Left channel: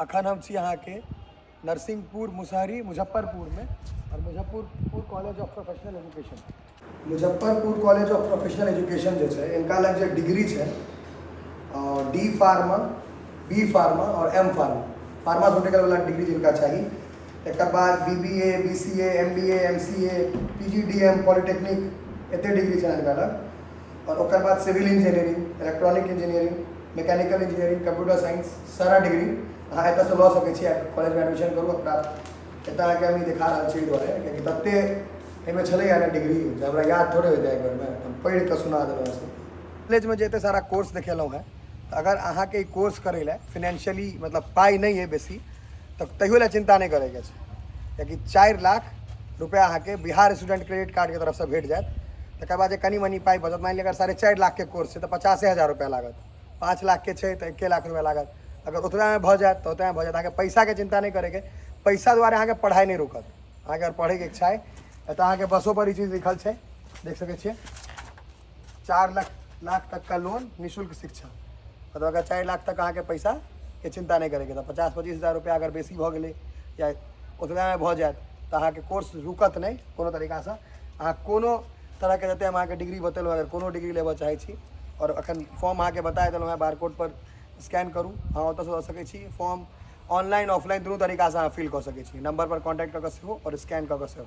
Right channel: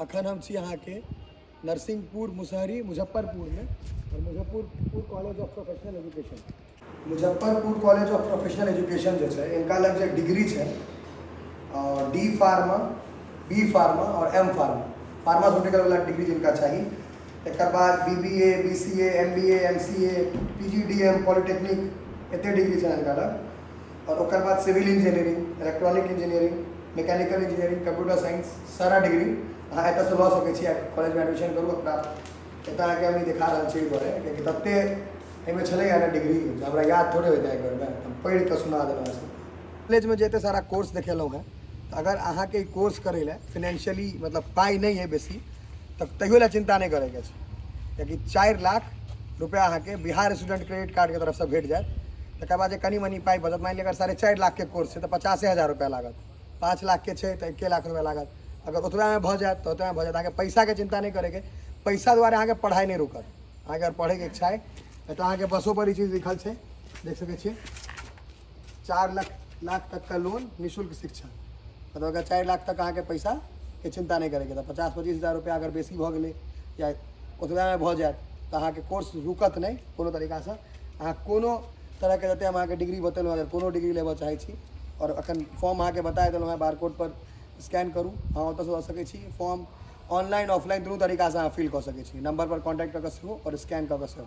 अखन हम छी यहाँ के नरसिंहपुर मुसहरी मुजफ्फरपुर में और Muzaffarpur college of professional education Muzaffarpur college of professional education जो है इनका लग जो डिग्री है डी फार्मा बी फार्मा और एम फार्मा फार्मास्यूटिकल वाला डिग्री जिनका चाहिए एक बाद BBA BCA MBA MCA PGDM polytechnic एते डिग्री है इनका लग और ओकर बाद civil engineering electronic engineering mechanical engineering computer science सारा डिग्री अहाँ एत से लऽ सकै कॉलेज में एडमिशन करूँ प्राप्त एत आके हम देखा रहा दुआरे कि तत्ते एहिमे छलैया ने डिग्री जे हमरा याद थोड़े होता है एक बेर में हम पढ़ि कऽ सुना देलहुँ कॉलेज में जते सारा कोर्स देखेलहुँ हैं अगर अहाँ के कोर्स करे ला फिनेंशियली मतलब पाई नहीं है बेसी तब तैयो ला चिंता नहीं करे के कियाकि 4 लाख रुपया अहाँ के बिहार स्टूडेंट क्रेडिट कार्ड के तरफ से भेट जाए तकर बाद कनी मनी पाई बचत मान लिया अगर 4.5 लाख के कोर्स है तो 85,000 रुपया लागत 5 लाख के तो 1 लाख रुपया लागत अगर उतना में भ जाए तो उतना में भ जाए अहाँ पैसा के चिंता नहीं करे पैसा द्वारा अहाँ के पढ़ाई नहीं रुकत अहाँ अगर पढ़े के इच्छा है तो अहाँ के बसों पर चीज़ लिखल है देख सके 4 लाख तक का लोन निःशुल्क शिक्षा मतलब अगर 4 लाख तक अहाँ के पैसा के चिंता नहीं करेंगे तो 50-25 हज़ार रुपया अगर बेसी भ गए या उतना में भ जाए तो अहाँ के कोर्स रुकत नहीं कोनो तरीका से अहाँ कोनो तरह के जते हम अहाँ के डिग्री बतेलहुँ अगर कोनो डिग्री लेबऽ चाहे छी और अखन फॉर्म अहाँ के बता देलहुँ बारकोड पर स्कैन करूँ अहाँ ओतऽ से दऽ सकै छी फॉर्म ऑनलाइन ऑफलाइन दुनू तरीका से अहाँ फिल कऽ सकै छी नंबर पर कॉन्टैक्ट कऽ के सेहो और स्कैन कऽ के सेहो।